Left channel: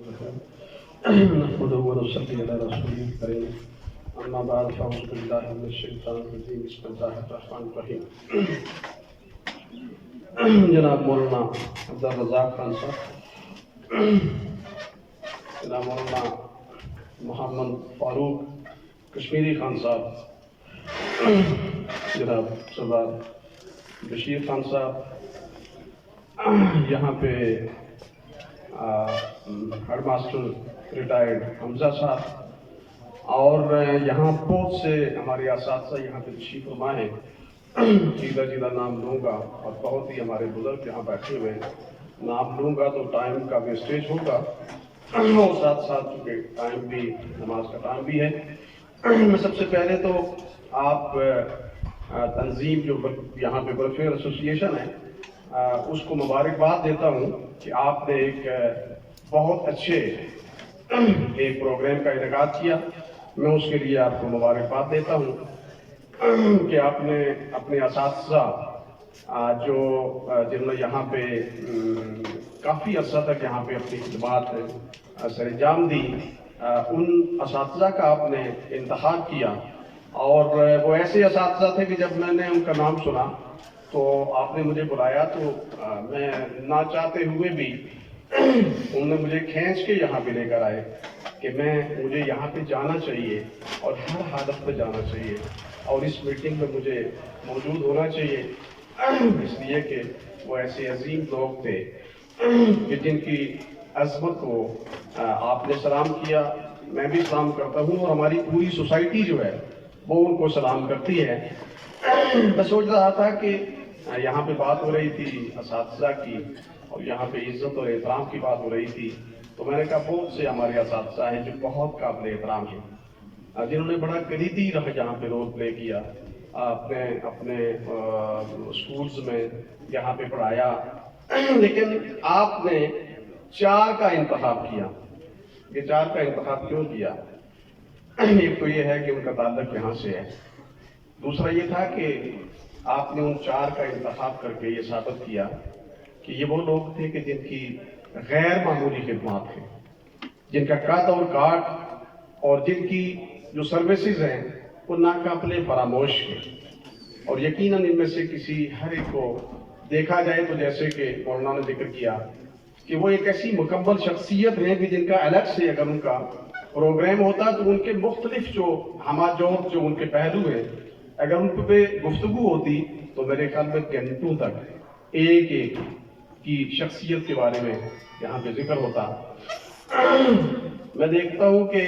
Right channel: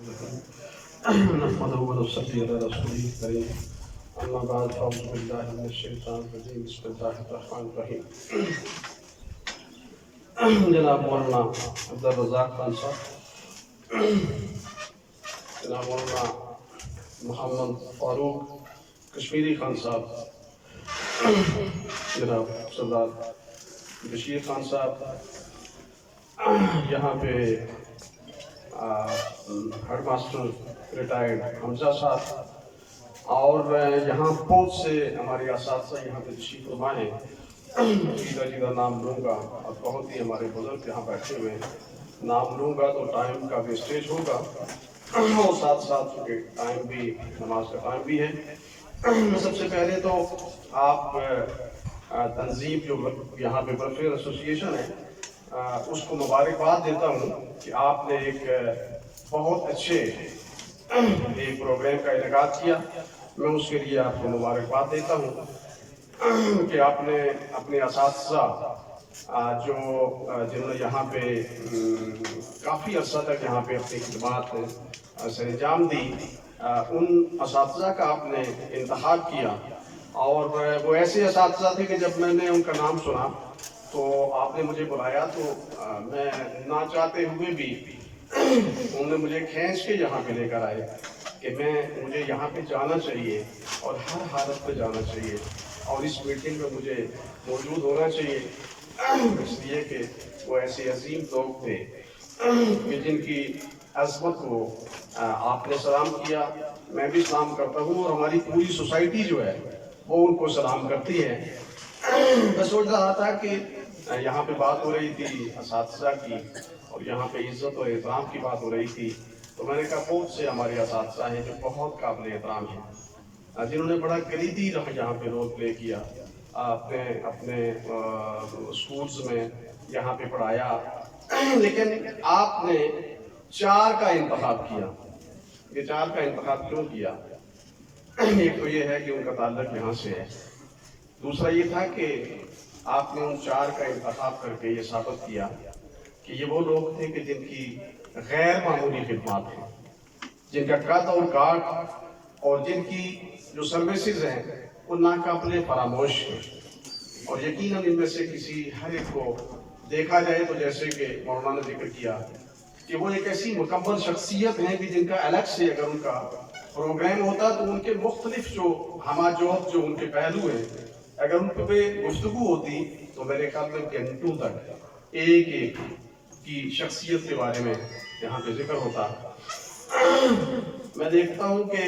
نحمده ونصلي على رسوله الكريم اما بعد فاعوذ بالله من الشیطان الرجیم بسم اللہ الرحمن الرحیم. جناب مولانا عبدالرزاق خان صاحب، جناب مولانا محمد فاروق کشمیری خان صاحب، جناب سردار بشیر خان صاحب، یہاں پہ ہیڈ ماسٹر ریٹائرڈ حمزہ صاحب، اور یہاں بہت سے ہمارے اساتذہ یہاں پہ تشریف فرما ہیں. جیدہ نام لوں گا اور بہت ہی ہمارے بزرگ یہاں بیٹھے ہوئے ہیں. نام لوں گا تو ٹائم کا ویسٹیج ہوگا اور ساتھ ساتھ چونکہ ٹائم بھی نماز کا ٹائم بھی ہے. میں سب سے پہلے تو آپ تنظیم جو یہاں پہ ویلفیئر ایسوسیشن ہے اس کو مبارکباد دیتا ہوں کہ آپ نے ایک بہت اچھے ایک پروگرام کا انعقاد کیا. میں اس کے لیے آپ کو مبارکباد دیتا ہوں کہ آپ نے اپنے اساتذہ جو جنہوں نے یہاں پہ کافی عرصہ تک یہاں پہ اپنی خدمات سر انجام دی، ان اساتذہ کا آپ نے انتخاب کیا. اور وہ ایسے اساتذہ تھے کہ جب میں نے ان کا نام سنا تو آپ نے مجھے بلایا تو میں نہ چاہتے ہوئے بھی انہوں نے مجھے کھینچ کے یہاں پہ لے کر آئے کہ مجھے یہاں پہ جانا چاہیے اور ہر حالت پہ جانا چاہیے اور اس میٹنگ میں مجھے موجود ہونا چاہیے، اس لیے کہ وہ ایسے عظیم لوگ تھے کہ جن کی عظمت کو آپ نے سلام کیا، میں بھی سلام کرتا ہوں اور ہماری پوری سوسائٹی جو ہے وہ ان کو سلام کرتی ہے. میں سوچ رہا تھا کہ یہاں پہ بات ہو رہی تھی اساتذہ کی اور یہاں پہ عزت اور احترام کی بات ہو رہی تھی، تو میں نے کہا بہت سے ہمارے اساتذہ ہیں جو بہت قابل احترام ہیں، جنہوں نے بڑا کلیدی یہاں پہ رول پلے کیا، اپنے اسکولز میں یہاں پہ پڑھایا. لیکن آپ نے 4 کا انتخاب کیا. یہ 4 کا انتخاب کیوں کیا؟ ایک تو یہ ہے کہ ان کا تعلق یہاں سے ہے، دوسرا یہ تھا کہ آپ نے ان 4 کا انتخاب کر کے یہ ثابت کیا کہ یہ وہ لوگ تھے کہ جن کی غیر معمولی خدمات ہیں، جن کا قد اور کاٹ اور جن کی جو سروسز ہیں وہ ناقابل فراموش ہیں. اور یقیناً ان میں سے کسی ہر ایک کو دیکھا جائے تو جیسے کہ مولانا نے ذکر کیا کہ وہ ایک ایسی مکمل شخصیت ہیں کہ جن کا الگ سے اگر ان کا پروگرام ہوتا تو ان کے مختلف جو ہماجوت جو ان کے پہلو ہیں اگر ان پہ گفتگو ہوتی تو میرے خیال میں گھنٹوں تک ایک ایک کی شخصیت کے بارے میں یہاں پہ ذکر ہوتا. میں دیکھتا ہوں کہ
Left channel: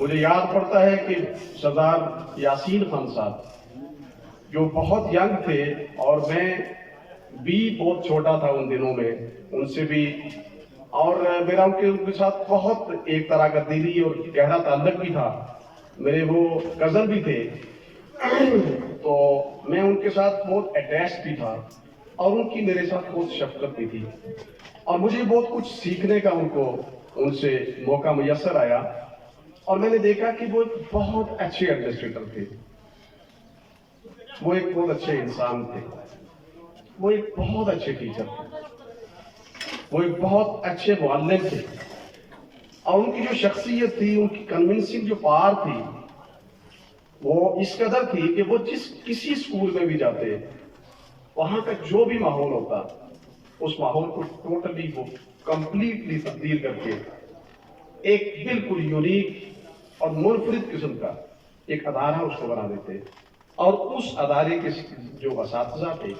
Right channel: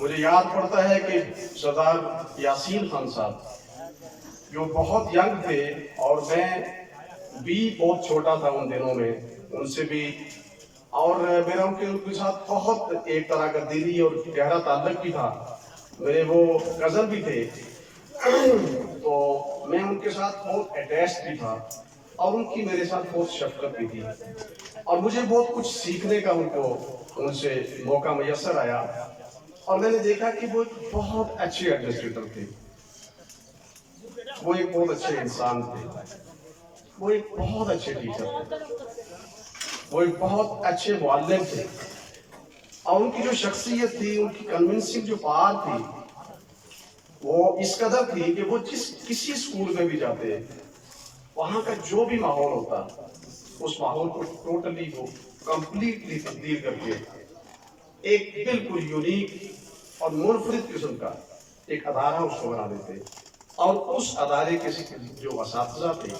مجھے یاد پڑتا ہے کہ سردار یاسین خان صاحب جو بہت ینگ تھے اور میں بھی بہت چھوٹا تھا ان دنوں میں ان سے بھی، اور میرا ان کے ساتھ بہت ایک طرح کا دلی اور گہرا تعلق بھی تھا. میرے وہ کزن بھی تھے تو میں ان کے ساتھ بہت اٹیچ بھی تھا اور ان کی میرے ساتھ بہت شفقت بھی تھی اور مجھے بہت کچھ سیکھنے کا ان سے موقع میسر آیا. اور میں نے دیکھا کہ وہ بہت اچھے ایڈمنسٹریٹر تھے، وہ ایک بہت اچھے انسان تھے، وہ ایک بہت اچھے ٹیچر تھے، وہ ایک بہت اچھے معلم تھے. اور ان کی جو شخصیت تھی، ان کی کنونسنگ جو پار تھی وہ اس قدر تھی کہ وہ کسی اسکول میں بھی جاتے وہاں کا جو بھی ماحول ہوتا اس ماحول کو ٹوٹلی وہ کمپلیٹلی تبدیل کر کے ایک بالکل یونیک اور منفرد قسم کا ایک ادارہ اس کو بنا دیتے. اور اس ادارے کے جو اساتذہ تھے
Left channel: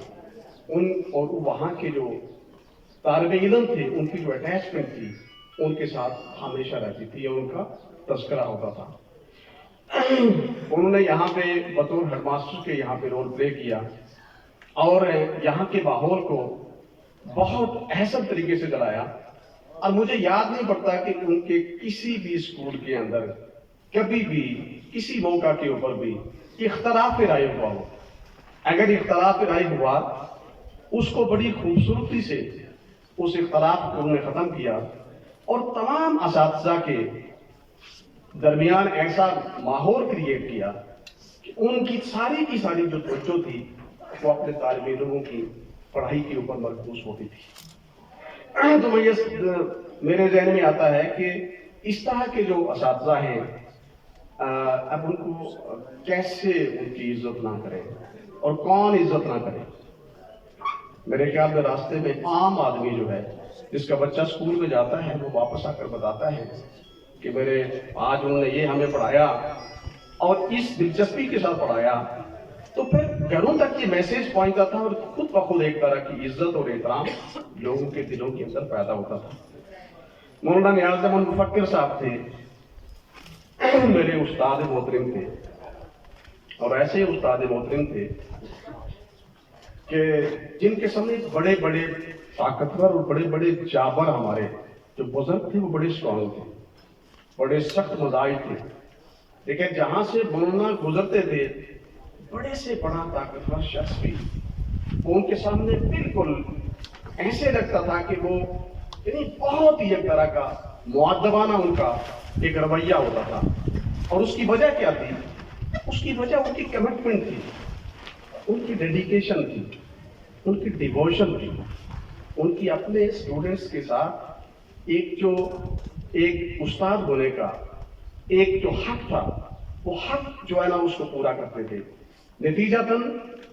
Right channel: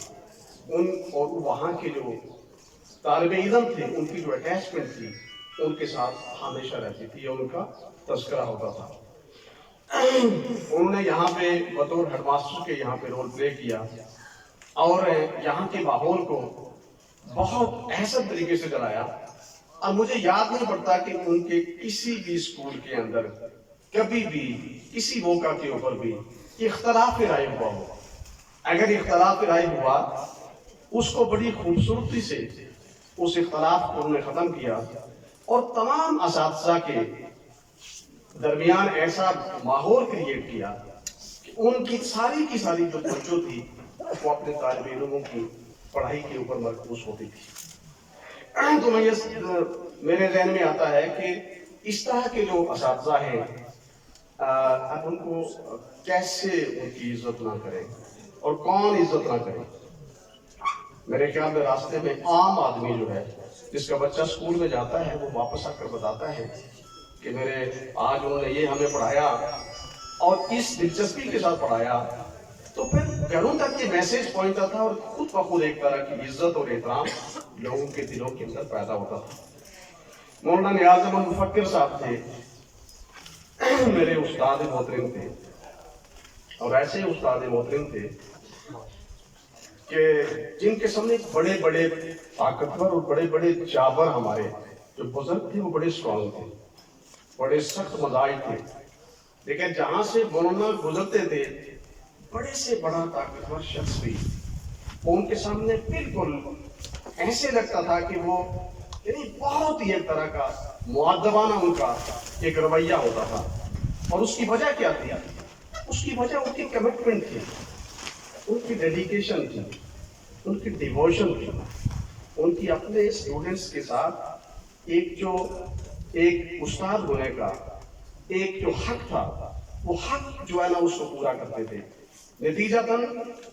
ان اور وہاں کے جو طالب علم تھے ان کی جو اٹیچمنٹ تھی ان کے ساتھ ہمیشہ رہتی تھی اور ان کا تذکرہ ہوتا تھا. انہوں نے یہاں پہ بطور ہیڈ ماسٹر کے یہاں پہ رول پلے کیا اور یہاں کے ماحول کو بہت احسن طریقے سے چلایا. اور مجھے یاد نہیں پڑتا کہ ان کے کسی بھی اسکول کے اندر کبھی بھی کسی موقع کے اوپر بھی اختلاف رائے ہوا ہو. اگر اختلاف رائے ہوا اس کو بڑی خوبصورتی سے اس اختلاف کو انہوں نے ختم کیا اور تمام اساتذہ کے درمیان ایسا ماحول کریٹ کیا کہ ان کی ساری جو توجہ تھی وہ اپنے طالب علموں کی پڑھائی کے اوپر مرکوز ہوتی تھی. تو میں یہ मेरे जहन में आता है कि इस तरह के जो असातिज़ा हैं, अब उनको कैसे उनकी इज्जत ना करें और कौन इज्जत ना करे। मेरे ख्याल में रास्ते में आम आदमी जो है, जिसका बच्चा स्कूल में जाता है, वो वापस आकर बताता है कि मेरे आज उन्होंने ये हमें पढ़ाया और इस दिलचस्पी के साथ पढ़ाया, तो फिर घरों तक ये मैसेज पहुंचता था और खुद ब खुद एक तरह की इज्जत और एहतराम लोगों के दिलों के अंदर पैदा होता था। मौलाना नियाज़ अहमद मुफक्किर साहब थे, मेरे उस्ताद मोहतरम थे, और ऐसे उस्ताद मोहतरम थे कि जिनके सामने बड़े बड़े ताकतवर और बड़े बड़े जाबर हमारे जो बुजुर्ग थे, वो बड़े स्ट्रॉन्ग थे, बड़े सख्त मजाज थे, लेकिन जहां से मौलाना गुजरते थे, बड़े से बड़ा ताकतवर शख्स भी उनके सामने बिल्कुल ऐसे लगता था कि वो यानी बहुत ही एक तरह का मुअद्दबाना उनका एक रवैया होता था। और उसकी वजह क्या थी? उसकी वजह उनकी कमिटमेंट थी, उनकी डेडिकेशन थी, उनकी डिवोशन थी, उनकी अपने स्टूडेंट्स के साथ एक उस्ताद होने का एक जो हक था, वो हक जो है ना उसको पूरा करते थे। नतीजतन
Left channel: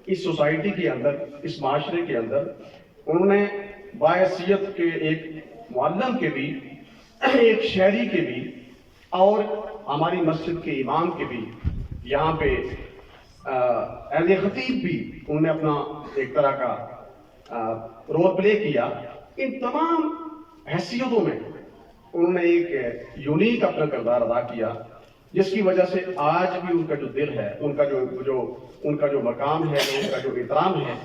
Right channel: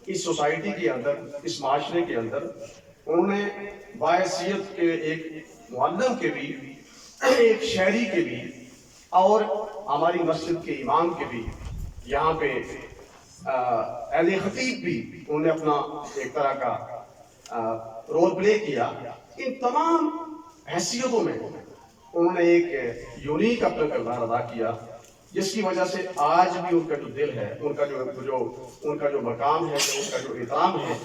इस सोसाइटी के अंदर, इस माशरे के अंदर उन्होंने बायसीयत के एक मुअल्लिम के भी, एक शहरी के भी और हमारी मस्जिद के इमाम के भी, यहाँ पे अहले खतीब भी उन्होंने अपना एक तरह का रोल प्ले किया। इन तमाम हैसियतों में उन्होंने एक यूनिक अपना किरदार अदा किया, जिसकी वजह से आज भी उनका जो दिल है, उनका जो मकाम है, उनका जो एहतराम है,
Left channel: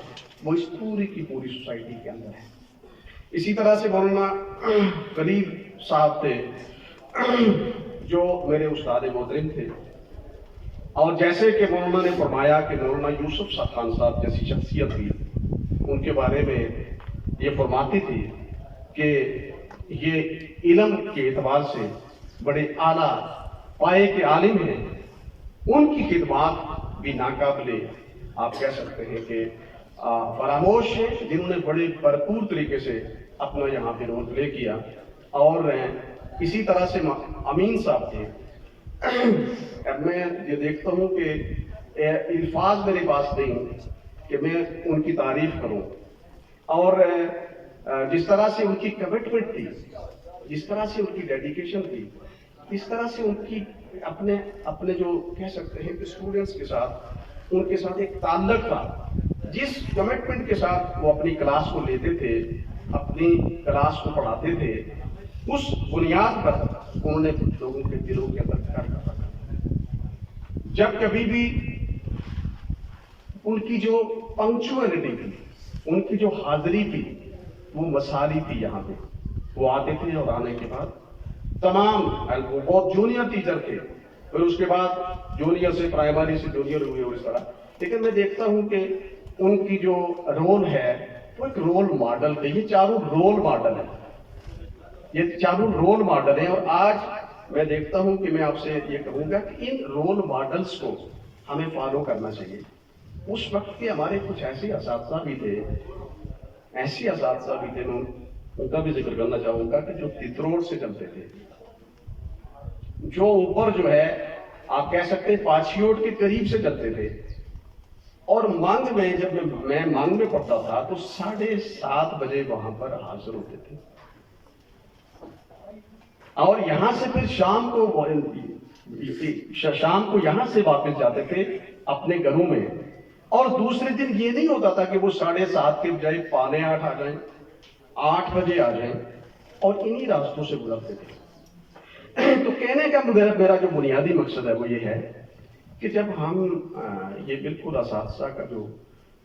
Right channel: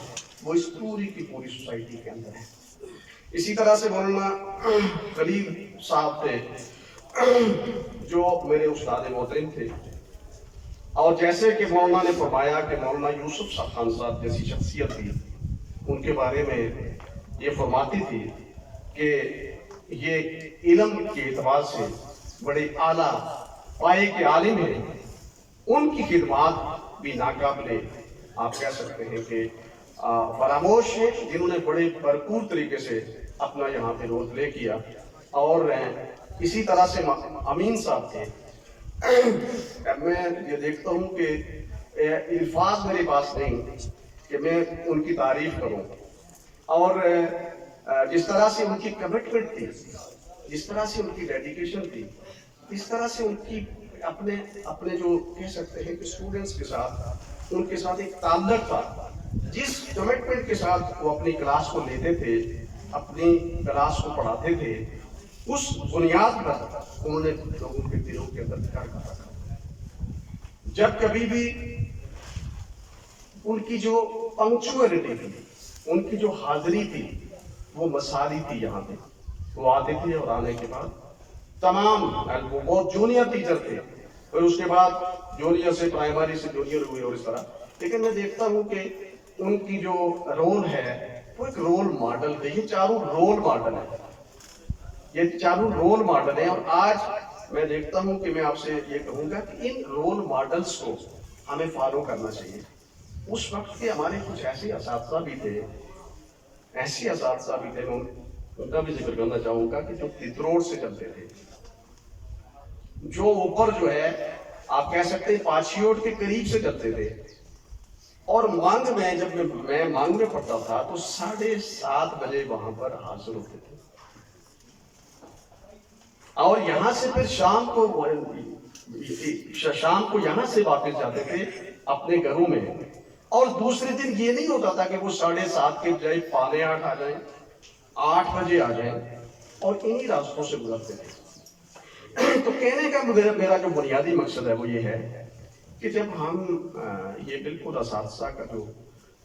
वो इस पूरी की पूरी सोसाइटी के अंदर है। इसी तरह से मौलाना कलीम साहब थे, जो मेरे उस्ताद मोहतरम थे, और जैसे कि मौलाना ने फरमाया कि मौलाना यूसुफ खान साहब जैसी शख्सियत थी, उनके बारे में ये फरमाती थी कि ये इल्म के एतबार से बड़े आला पाए के आलिम हैं, उनकी खिदमत भी नाकाबिले आप कह सकते हैं कि फरामोश है, जिन्होंने बड़े भरपूर तरीके से अपना यहाँ पे रोल प्ले किया। और इसी तरह से अमीन साहब थे। मैं ये देखता हूँ कि अल्फाज मेरे पास नहीं कि मैं उनकी तारीफ करूँ, और जिस तरह से उनकी कमिटमेंट थी, जिस तरह से उनकी डेडिकेशन थी, इस तरह से उनकी अपने जो कह सकते हैं कि स्टूडेंट्स के साथ उनके साथ एक ताल्लुक था, जिस कमिटमेंट के साथ वो अपनी क्लास को लेते थे, अपनी क्लास को पढ़ाते थे, उस बुनियाद पर उन्होंने लोगों के दिलों के अंदर घर करा। जब कभी भी उनकी जो पंक्चुअलिटी थी, उनकी जो हाजिरी थी, वो मसारी थी। यहाँ पे वो आते थे और आने के बाद तमाम, वो बहुत जूनियर टीचर थे, फिर उसके बाद जूनियर से प्राइमरी से जूनियर हुए और इस तरह। लेकिन मैं देखता हूँ कि उनकी जो रोल है वो एक रोल मॉडल थे। ये चारों रोल मॉडल है, ये चारों रोल मॉडल है। और आज मैं देखता हूँ कि मैं आपसे ये कहूँगा कि इन रोल मॉडल्स को हमें फॉलो करना चाहिए। उस वक्त के हमारे कुछ ऐसे असातिज़ा भी थे, ऐसी असातिज़ा भी थे, मैं उनका भी जिक्र करना चाहूँगा कि जो तितरोड़ से चलते थे, जो ऊपर जो है आप कह सकते हैं पाछियोट के करीब से चलते थे। और मांग में, जब मैं मांग में पढ़ता था तो 7:30 बजे वहां पर हाजिर होते थे, और यहां से फिर शाम को यहां से वापस जाते थे अपने घरों में। और दूसरे दिन ये नहीं होता था कि वो 7:30 के बजाय 7:45 आ जाए, 8 बजे आ जाए, और इन्हीं रास्तों से गुजरते थे। तो कहने का मेरा जो बुनियादी मकसद है वो ये है कि जब हम ये बिल्कुल असातिज़ा का जो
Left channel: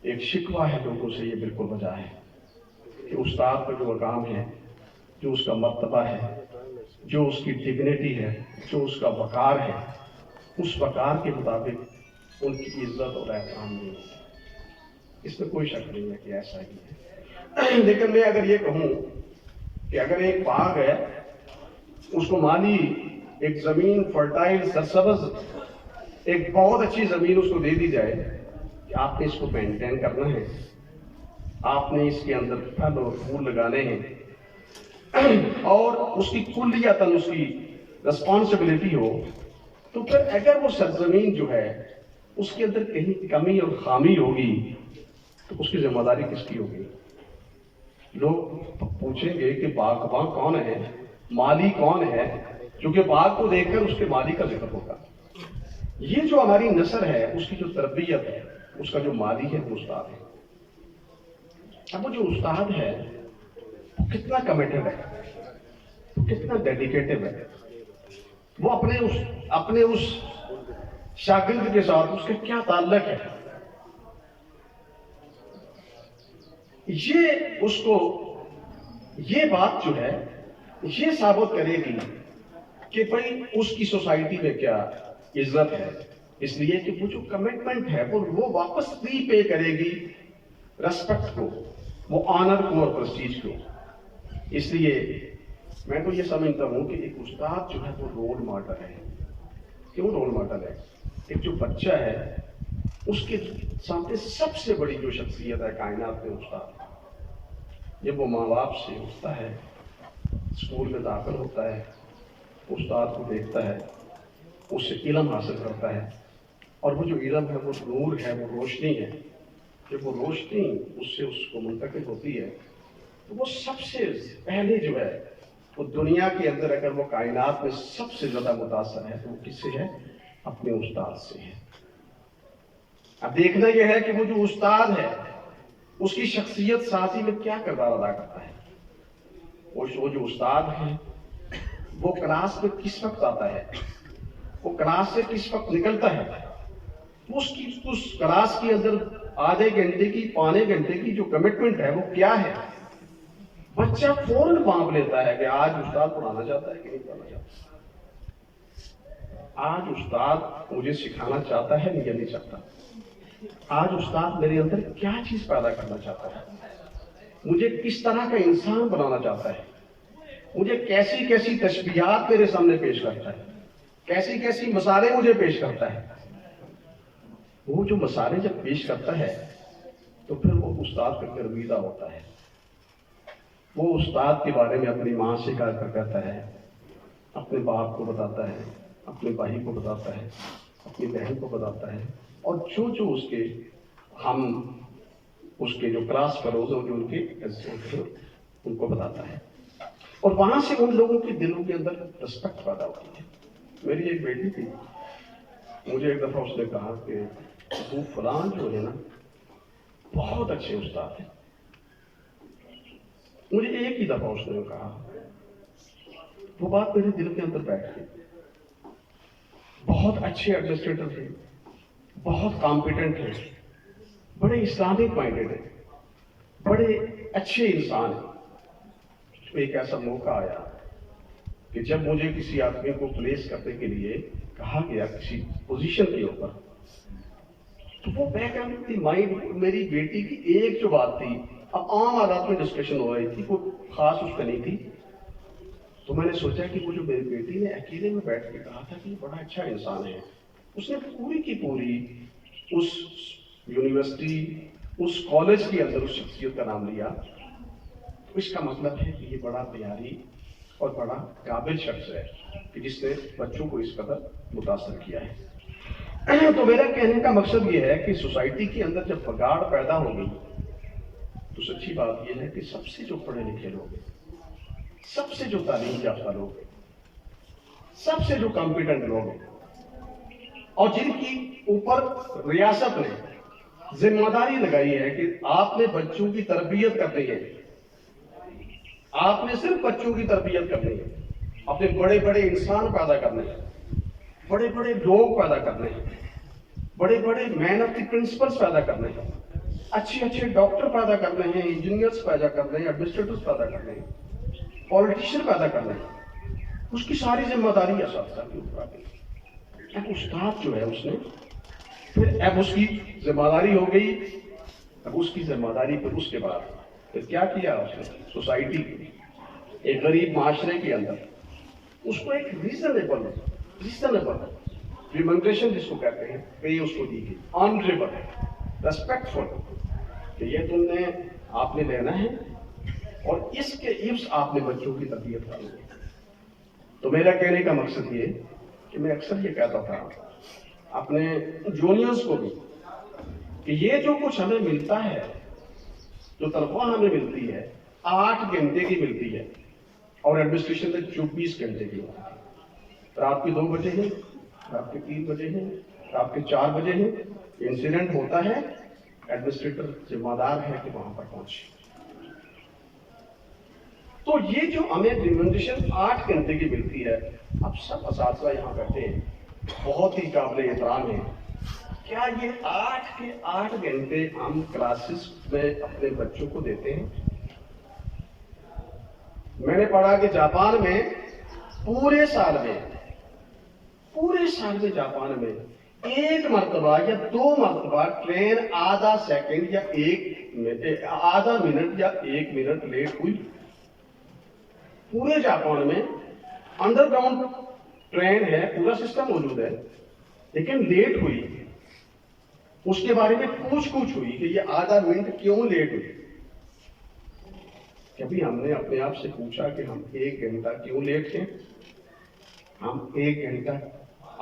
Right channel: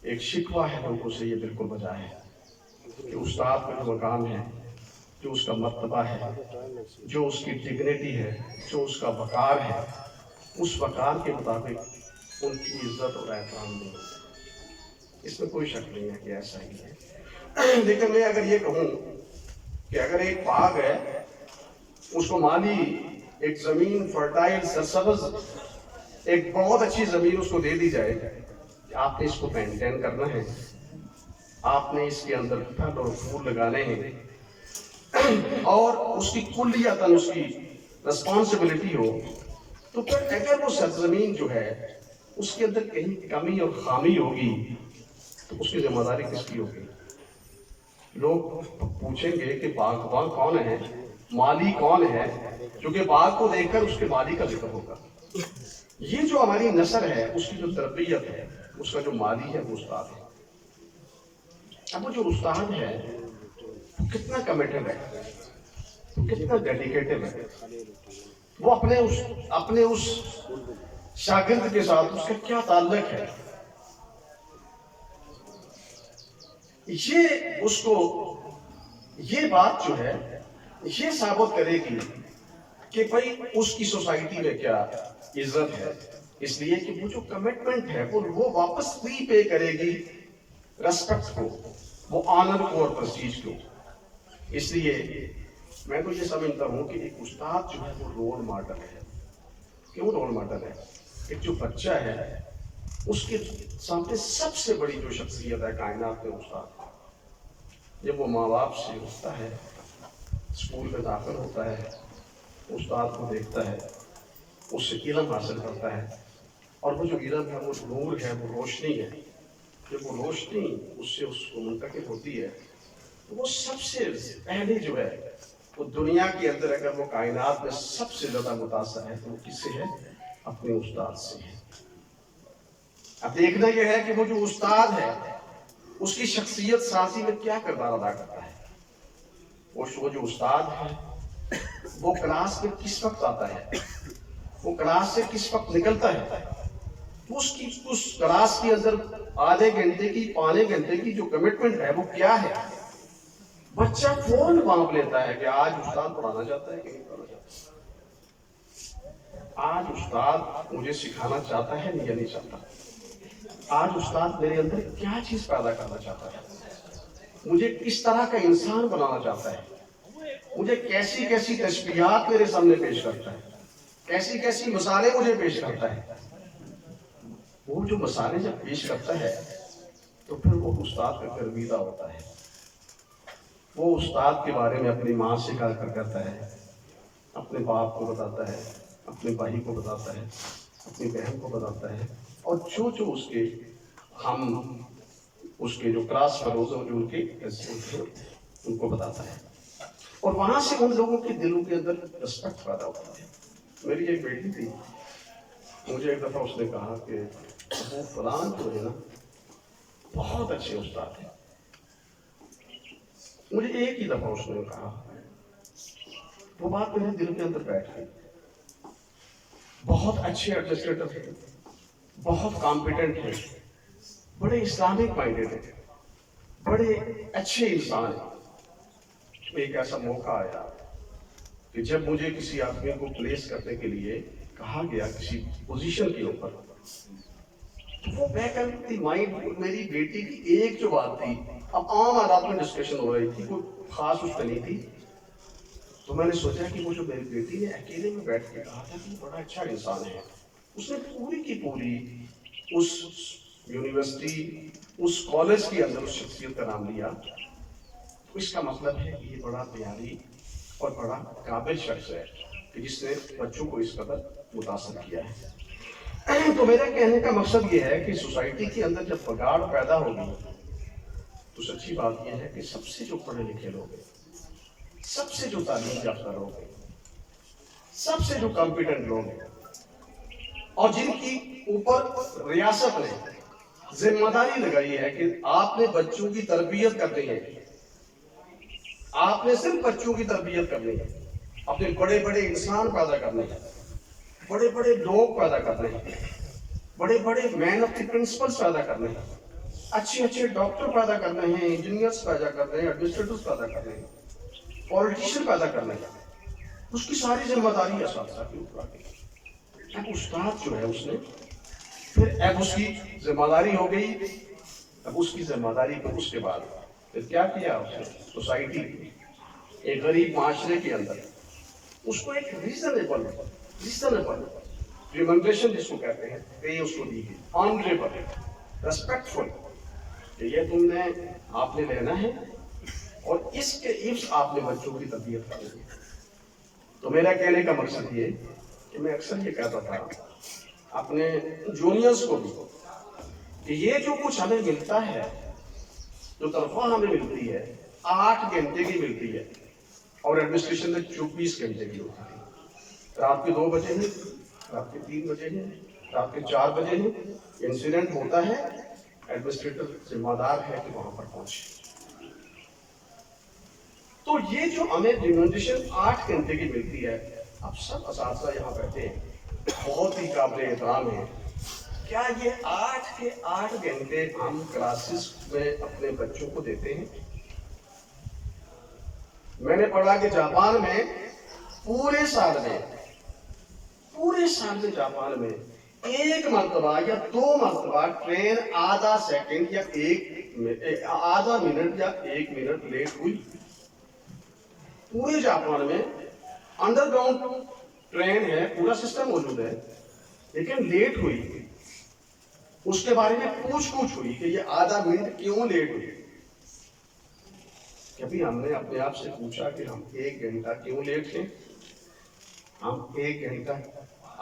एक शिकवा है लोगों से, ये बिल्कुल वजह है कि उस्ताद का जो मकाम है, जो उसका मर्तबा है, जो उसकी डिग्निटी है, जो उसका वक़ार है, उस वक़ार के मुताबिक उनकी इज्जत और एहतराम नहीं होती। इसमें कोई शक नहीं है कि ऐसा ही है। लेकिन मैं अगर ये कहूँ कि अगर एक बाग है, उसको माली एक ज़मीन फर्टाइल सरसब्ज़ एक बहुत अच्छी ज़मीन उसको दे दी जाए कि आपने इसको मेंटेन करना है, आपने इसके अंदर फल और फूल लगाने हैं, اور اس کی کلیتاً اس کی رسپانسبلٹی ہو، تو پھر اگر وہ سرزمین جو ہے اس کے اندر کہیں کمی اور خامی ہوگی تو اس کی ذمہ داری کس کی ہوگی؟ لوگ پوچھیں گے کہ باغبان کون ہے، مالی کون ہے، کیونکہ باغ کو دیکھ کر اس کے مالی کا ذکر ہوگا۔ یہ جو ہماری نسل ہے اس کی جو تربیت ہے، اس کا جو مالی ہے وہ استاد ہے۔ اب جو استاد ہے وہ کتنا کمیٹڈ ہے، کتنا ڈیڈیکیٹڈ ہے، وہ اپنے اس شاگرد کے ساتھ اس کا کیا تعلق ہے، یہ اس کو یہ بات جو ہے یہ ثابت کرے گی کہ بھائی اس کی سوسائٹی میں کیا عزت ہے، اس لیے کہ وہ جو کمٹمنٹ ہے وہ واپس ری پے کرے گی ریسپیکٹ کو، وہ آنر کو اور پرسٹیج کو۔ اس لیے میں تو یہ سمجھتا ہوں کہ ایک استاد جو ہے وہ رول ماڈل ہے۔ کیوں رول ماڈل ہے؟ ایک جو بچہ ہے اس کے سامنے سب سے بڑی جو شخصیت ہے کائنات میں استاد۔ جب وہ ماں باپ سے اٹھتا ہے، اسکول میں داخل ہوتا ہے، استاد کو دیکھتا ہے، اس سے علم حاصل کرتا ہے، اور وہ جو علم ہے وہ نور ہے، وہ روشنی ہے۔ جب وہ روشنی اس سے اس کو منتقل ہوتی ہے تو وہ سب سے پہلے جو ہے وہ دنیا کے اندر اگر وہ کائنات میں سب سے زیادہ متاثر ہے تو وہ کس سے ہے؟ اپنے استاد سے ہے۔ اب دیکھنا یہ ہے کہ وہ جو استاد ہے اس کی شخصیت سازی میں کیا کردار ادا کرتا ہے۔ وہ جو استاد ہے وہ کلاس میں کس وقت آتا ہے، وہ کلاس سے کس وقت نکلتا ہے، اس کلاس کے اندر آدھے گھنٹے کی پونے گھنٹے کی جو کمٹمنٹ ہے وہ کیا ہے۔ بچہ فوراً مانگ لیتا ہے کہ آج استاد پڑھانا چاہتا ہے کہ نہیں پڑھانا چاہتا، آج استاد مجھے سکھانا چاہتا ہے یا نہیں چاہتا، آج استاد میرے اندر کیا چیز پیدا کرنا چاہتا ہے، مجھے کس طرح کا انسان بنانا چاہتا ہے، مجھے کیسی کیسی تشبیہات میرے سامنے پیش کرتا ہے، کیسی کیسی مثالیں مجھے پیش کرتا ہے۔ وہ جو مثالیں جب پیش کرتا ہے تو پھر وہ استاد کا گرویدہ ہوتا ہے۔ وہ استاد کے بارے میں اپنی ماں سے کہتا ہے، اپنے باپ کو بتاتا ہے، اپنے بھائی کو بتاتا ہے، اپنی بہن کو بتاتا ہے، اور جو اس کے جو کلاس فیلوز جو ان کو بتاتا ہے، اور وہاں سے ان لوگوں کے دلوں کے اندر رسپیکٹ پیدا ہوتی ہے۔ میری ایک بیٹی تھی، مجھے ایک دفعہ اس نے کہا کہ ابو فلان جو ہے نا بہت اچھے استاد ہیں۔ مجھے ایک ہی دفعہ اس نے کہا، وہ بات میرے دل کے اندر بیٹھ گئی۔ بہت اچھے ایڈمنسٹریٹر تھے، بہت کمپیٹنٹ تھے، بڑے اسلامک مائنڈیڈ ہیں، بڑے اچھے انسان ہیں۔ ایک ایسا موقع آیا کہ جب مجھے کسی آدمی کو پلیس کرنے کے لیے کہا گیا کسی پوزیشن کے اوپر، تو وہ بیک آف دی مائنڈ میری بیٹی کی ایک جو بات تھی، اب عام حالات میں ڈسکشن ہو رہی تھی، کوئی خاص اس پہ نہیں تھی، تو میں نے سوچا کہ وہ جو میری بیٹی نے اکیلے میں بیٹھ کے کہا تھا کہ یہ بڑا اچھا انسان ہے، اس نے پوری کی پوری اس یونیورسٹی، اس کالج کے اندر اس شخصیت کا نام لیا، تو اس کا مطلب ہے کہ یہ بڑا پیاری اور بڑا قابل شخص ہے کہ جس نے بچوں کو اس قدر متاثر کیا ہے۔ تو میرا کہنے کا مقصد یہ ہے کہ سوسائٹی کے اندر جب بگاڑ پیدا ہوگی تو سچی بات یہ ہے کہ سب سے جو پڑھے لکھے لوگ ہیں، سب سے جو تعلیم یافتہ لوگ ہیں، سب سے جو کمپیٹنٹ لوگ ہیں، اور جن کی اوپر ریاست نے ذمہ داری لگائی ہے کہ آپ نے بچوں کی تربیت کرنی ہے، آپ نے صرف بچوں کی تربیت کرنی ہے، اپنے بڑے بڑے انسان پیدا کرنے ہیں، بڑے بڑے لوگ پیدا کرنے ہیں، بڑے بڑے مین آف دی پرنسپلز پیدا کرنے ہیں، اچھے اچھے ڈاکٹر پیدا کرنے ہیں، انجینئرز پیدا کرنے ہیں، ایڈمنسٹریٹرز پیدا کرنے ہیں، پولیٹیشین پیدا کرنے ہیں، اس کی ساری ذمہ داری اساتذہ کے اوپر آتی ہے۔ اب استاد جو ہے اس نے پھر اب اس کی ذمہ داری ہو گئی، اب اس کی ذمہ داری پر اس کے بعد پھر کیا کیا اس نے؟ سوسائٹی ایک غریب معاشرے کے اندر اس کو ایک ریزنیبل ریمنڈیشن جس کو کہتے ہیں پے اس کو دی گئی، آنریبل، ریسپیکٹفل، کہ یہ آپ نے لینا ہے اور اس کے عفظ آپ نے بچوں کی تربیت کرنی ہے۔ تو میرا کہنے کا مقصد یہ کہ میں اکثر یہ کہتا تھا اپنے جونیئرز کو بھی کہ یہ جو کچھ ہمیں ملتا ہے، جو تنخواہ ہمیں ملتی ہے 8 گھنٹے کی ملتی ہے اور ایڈمنسٹریشن میں 24 گھنٹے کی ہوتی ہے۔ رات کے 2 بجے ہیں، رات کے 3 بجے ہیں، رات کے 4 بجے ہیں، انسیڈنٹ ہوتا ہے، ایڈمنسٹریٹر ذمہ دار ہے کہ وہاں پر پہنچے۔ تو یہ جو ہمیں ریمونریشن 8 گھنٹے کی ملتی ہے، اب سب اساتذہ یہاں بیٹھے ہیں، بہت ہی قابل احترام ہیں، کیا یہ 8 کے 8 گھنٹے ہم کلاسز میں اپنے بچوں کو دیتے ہیں؟ میں نے پڑھا کہ جاپان میں پورے سال میں جاپان میں 1 مرتبہ یا 2 مرتبہ ٹرین آدھا سیکنڈ یا آدھا منٹ یا 1 منٹ لیٹ ہوئی۔ پورے جاپان میں انڈر گراؤنڈ ٹرین ہے، پورا سسٹم موجود ہے، لیکن لیٹ ہوئی، اس کے بارے میں پوچھ ہوئی کہ یہ آدھا منٹ کیوں لیٹ ہوئی۔ کبھی ہم نے اپنے آپ سے پوچھا کہ ہم 1 گھنٹہ کیوں لیٹ ہیں؟ ہم 1 گھنٹہ،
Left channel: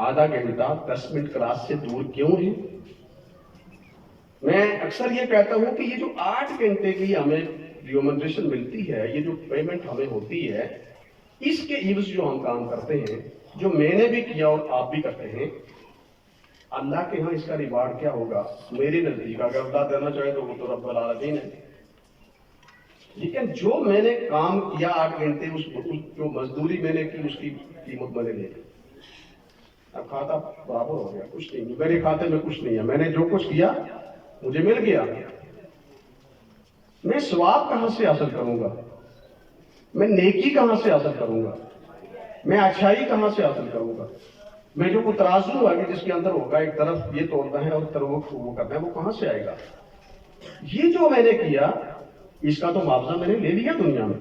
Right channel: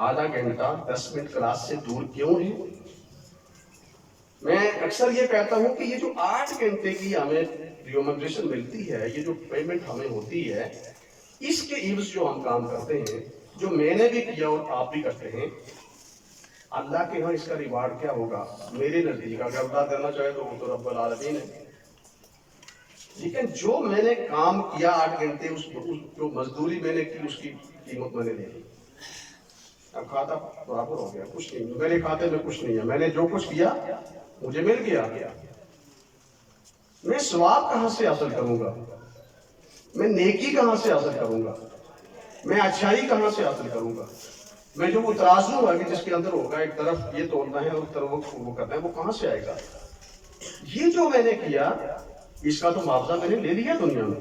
آدھا گھنٹہ 10 منٹ کلاس سے دور کیوں ہیں؟ میں اکثر یہ کہتا ہوں کہ یہ جو 8 گھنٹے کی ہمیں ریمونریشن ملتی ہے، یہ جو پیمنٹ ہمیں ہوتی ہے، اس کے عوض جو ہم کام کرتے ہیں، جو میں نے بھی کیا اور آپ بھی کرتے ہیں، اللہ کے ہاں اس کا ریوارڈ کیا ہوگا؟ میرے نزدیک اگر اللہ دینا چاہے تو وہ تو رب العالمین ہے، لیکن جو میں نے کام کیا 8 گھنٹے، جو مزدوری میں نے کی، اس کی قیمت میں نے لے لی۔ اب کھاتا برابر ہو گیا، کچھ نہیں، میرے کھاتے میں کچھ نہیں ہے، میں نے جو کچھ کیا مجھے مل گیا۔ میں ثواب کہاں سے حاصل کروں گا؟ میں نیکی کہاں سے حاصل کروں گا؟ میں اچھائی کہاں سے حاصل کروں گا؟ میں جو وہ ترازو ہے کہ جس کے اندر ہوگا ایک طرف یہ تولنا ہے اور طرف وہ کرنا ہے، وہ کہاں سے آئے گا؟ یہ جو میں نے کیا اس کا تو معاوضہ میں نے لے لیا دنیا میں۔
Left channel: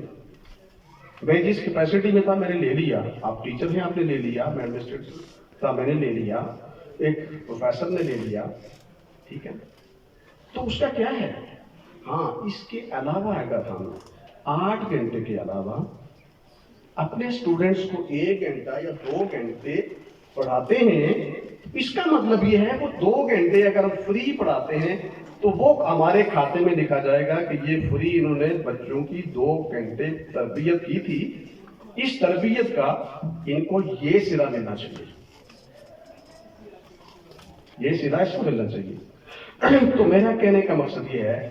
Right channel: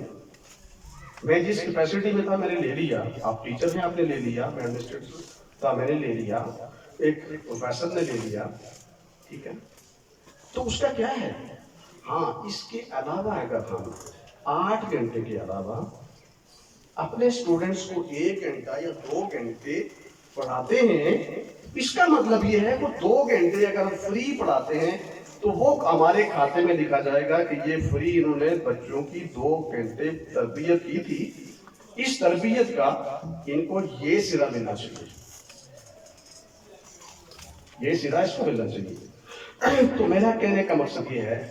میں جس کیپیسٹی میں تھا میں نے لے لیا، آپ ٹیچر ہیں آپ نے لے لیا، میں ایڈمنسٹریٹر تھا میں نے لے لیا، ایک پروفیسر نے لے لیا، ٹھیک ہے؟ تو اس کا کیا ہے؟ ہاں، اس کے علاوہ اگر ہم 8 گھنٹے کے علاوہ اپنے اسٹوڈنٹس کو 1 گھنٹہ یا 2 گھنٹے پڑھاتے ہیں، اس کا مطلب یہ ہے کہ 2 گھنٹے اگر ہم فری پڑھاتے ہیں تو وہ ہمارے کھاتے میں لکھا جائے گا کہ یہ فری انہوں نے بچوں کی 2 گھنٹے تربیت کی تھی، اس تربیت کا ان کو یہ صلہ ملنا چاہیے، یہ صلہ اس کو ملنا چاہیے۔ تو میرا کہنے کا مقصد یہ ہے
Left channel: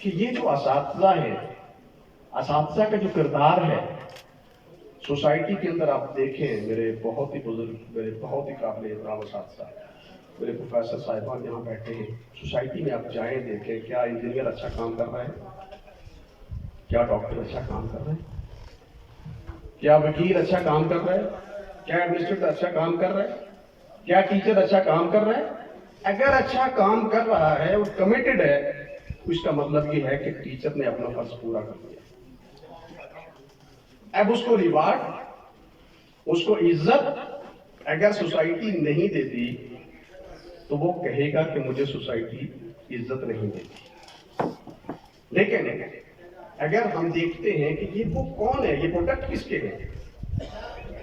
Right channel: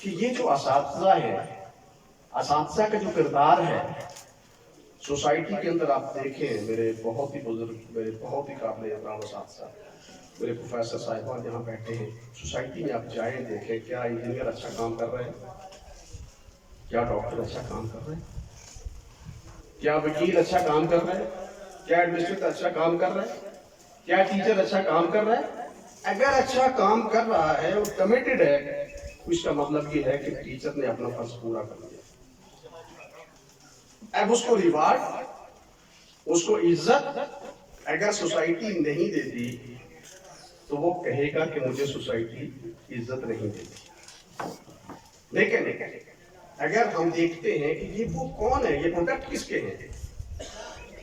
کہ یہ جو اساتذہ ہے، اساتذہ کا جو کردار ہے سوسائٹی کے اندر، آپ دیکھیں میرے بہت ہی بزرگ، میرے بہت ہی قابل احترام اساتذہ، میرے پروفیسر صاحبان یہاں بیٹھے ہیں، سوسائٹی میں آپ جائیں دیکھیں، کیا انجینئر اچھا کام کر رہے ہیں؟ کیا ڈاکٹر اچھا کام کر رہے ہیں؟ کیا وکیل اچھا کام کر رہے ہیں؟ کیا ایڈمنسٹریٹر اچھا کام کر رہے ہیں؟ کیا ٹیچر اچھا کام کر رہا ہے؟ اگر اچھا کام کر رہا ہے اور کمیٹڈ ہے، اس کا مطلب یہ ہے کہ ٹیچر نے اپنا فرض پورا کر لیا۔ اب اس کو ریوارڈ، اس کو عزت اگر سوسائٹی نہیں دیتی تو وہ کہے گا کہ مجھے سوسائٹی عزت نہیں دیتی۔ لیکن اگر ہم دیکھتے ہیں کہ یہ وہ کون ہے، یہ پروڈکٹ کس کے ہیں،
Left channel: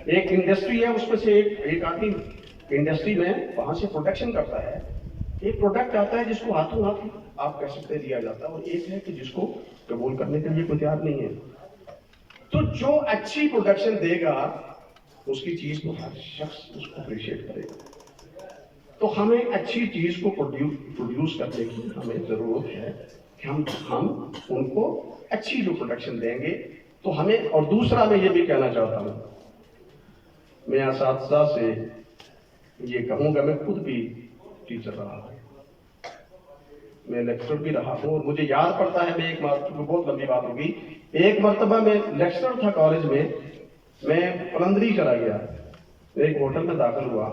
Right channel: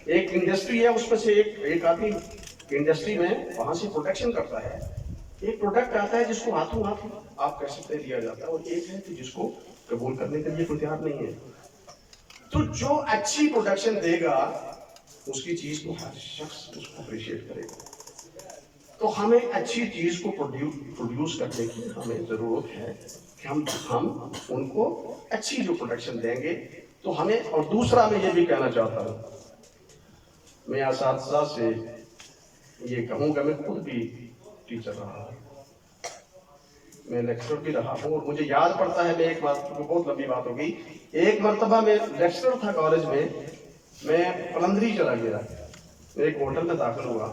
ایک انڈسٹری ہے، اس میں سے ایک آدمی انڈسٹری میں وہاں سے پروڈکشن کرتا ہے، ایک پروڈکٹ آتا ہے جس کو ہاتھوں ہاتھ آپ کہہ سکتے دیا جاتا ہے، اور ایک ہے کہ جس کو قبول کرنے کے لیے کوئی تیار نہیں ہے۔ تو جو اچھی پروڈکشن دے گا اس کی چیز کو ہر شخص اس کو اپریشیٹ کرے گا۔ تو ہمیں اچھی چیز کو پروڈیوس کرنے کی ہمیں ضرورت ہے کہ ہم ان کو اچھی جو پروڈکشن دیں گے تو ہمیں۔ اور دوسرا میں یہ بھی کہنا چاہتا ہوں، میں اساتذہ سے یہ کہوں گا، میں خود بھی ٹیچر رہا ہوں، میں لیکچرر بھی رہا ہوں، اور مجھے یاد پڑتا ہے، میں ایک مرتبہ، بہت لمبی بات ہوگی، ایک مرتبہ میں لیکچرر تھا کالج میں قلندری چلا گیا، ایک ہوٹل میں داخل ہوا،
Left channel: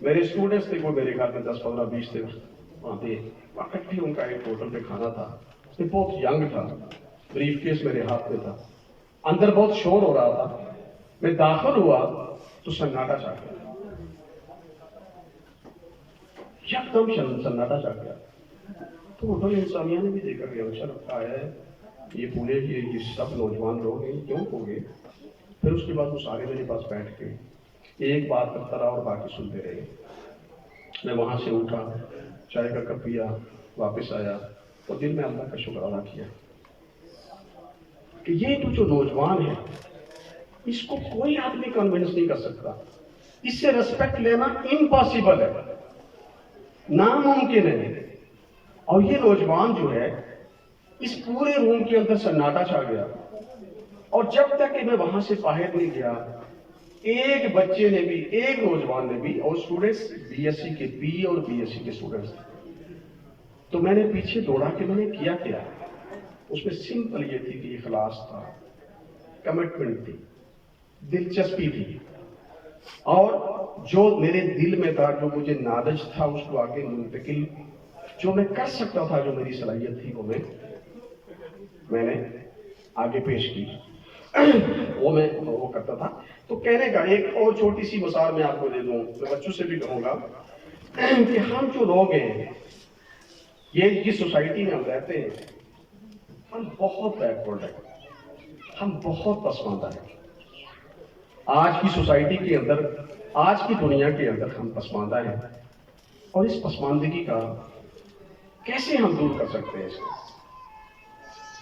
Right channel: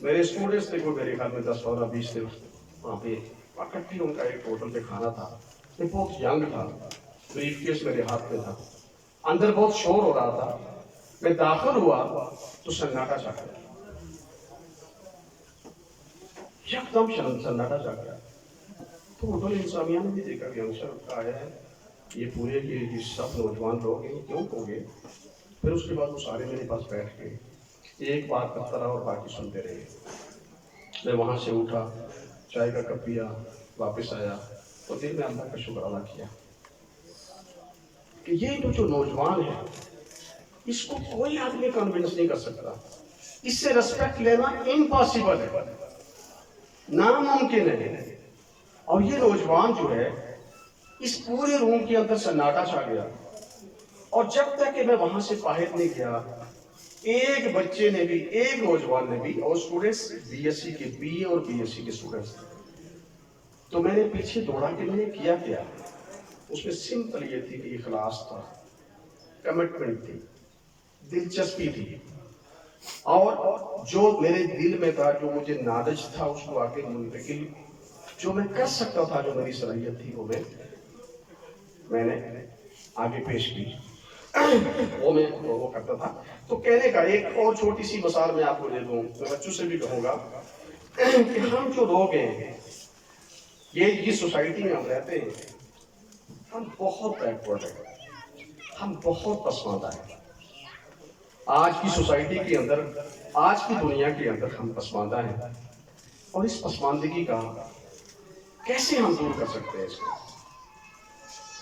میرے اسٹوڈنٹس تھے وہ میرے خیال میں 10 15 20 تھے وہاں پہ اکٹھی، ان کا ایک ہوٹل پہ کھانا تھا، میں بہت ینگ تھا، بریف کیس میرے ہاتھ میں تھا، اندر بہت شور ہو رہا تھا، میں داخل ہوا تو سناٹا چھا گیا، یک دم سناٹا چھا گیا۔ تو ہوٹل انسانیہ نے بھی دیکھا کہ انسر کا ہے ये पूरे ये सब नौजवान लोग हैं क्यों हो गए। फिर उसके बाद वो सारे मेरे पास बैठ के एक बात करता रहा और बाकी सुनते रहे। मैं वहाँ से उठा, चाय का कप पिया, वापस आया तो दिल में अल्लाह का शुक्र अदा किया कि ये तो जो नौजवान है इसको कोई आदमी कन्विंस नहीं कर सकता, इससे रिस्पेक्ट लेना इम्पॉसिबल है, नामुमकिन है। और ये नौजवान जो है इस पूरे रूम के अंदर सन्नाटा छा गया और जब तक कि मैं वहां से बाहर नहीं गया एक बच्चे ने भी, एक नौजवान ने भी, और स्टूडेंट्स बीएससी के बी और बीएससी के स्टूडेंट्स, तो मैंने पीछे दौड़ा के मैंने किया क्या, उसमें सिंपल ये थी कि इखलास था, कमिटमेंट थी, दिलचस्पी थी, और जो मेरे दिल में था, जो मुझे नादज था, उसको आगे मुंतकिल जो मैं कर सकता था, जो मेरी सलाहियत थी वो मैंने आगे पेश की वो मैं वो करता था। तो कहने का एक और छोटी सी मिसाल मैं आपको दे दूं, मैं बच्चों से भी कहूँगा कि हम जो लोग हैं ये जिस सोसाइटी में हम रहते हैं हम बहुत बैकवर्ड हैं, हम बहुत पसमानदा हैं। आज की सोसाइटी के अंदर, आज की दुनिया के अंदर हम पसमानदा हैं और इस पसमानदगी का कैसे हम दूर कर सकते हैं इसको।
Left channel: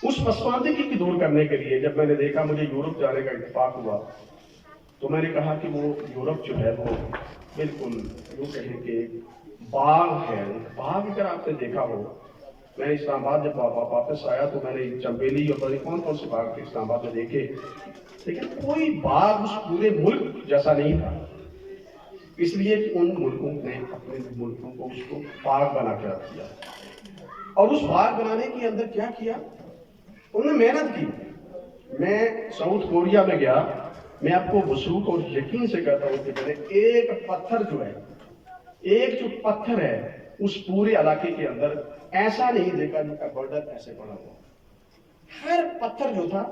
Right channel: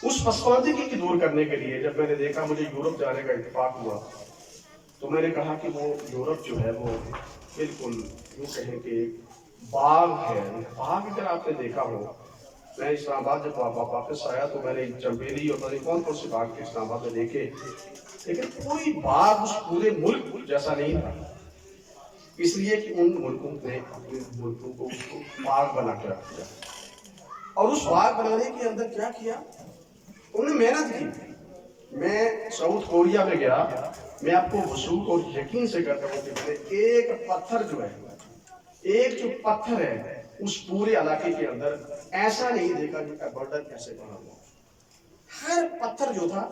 उस पसमानदगी की दूर करने के लिए जब मैंने देखा मुझे यूरोप जाने का इत्तेफाक हुआ तो मैंने कहा कि वो यूरोप जो है वो बिल्कुल यूँ कहें कि बाग है, बाग अगर आपने देखा हो। मैं इस्लामाबाद जब वापस आया तो मैंने चंबेली और पता कौन कौन से बाग थे इस्लामाबाद में देखे, लेकिन कोई बाग उस पूरे मुल्क जैसा नहीं था, इसलिए कि उन मुल्कों ने अपने मुल्कों को उसको बाग बना कर रख दिया। और उस बाग बनाने के अंदर क्या किया, उन्होंने मेहनत की। मैं साउथ कोरिया में गया, मैं आपको वसूख और यकीन से कहता हूँ कि मैंने एक पत्थर जो है, एक जो पत्थर है उस पूरे इलाके के अंदर ऐसा नहीं देखा जिनका बर्डन ऐसे पड़ा हुआ। हर पत्थर जो था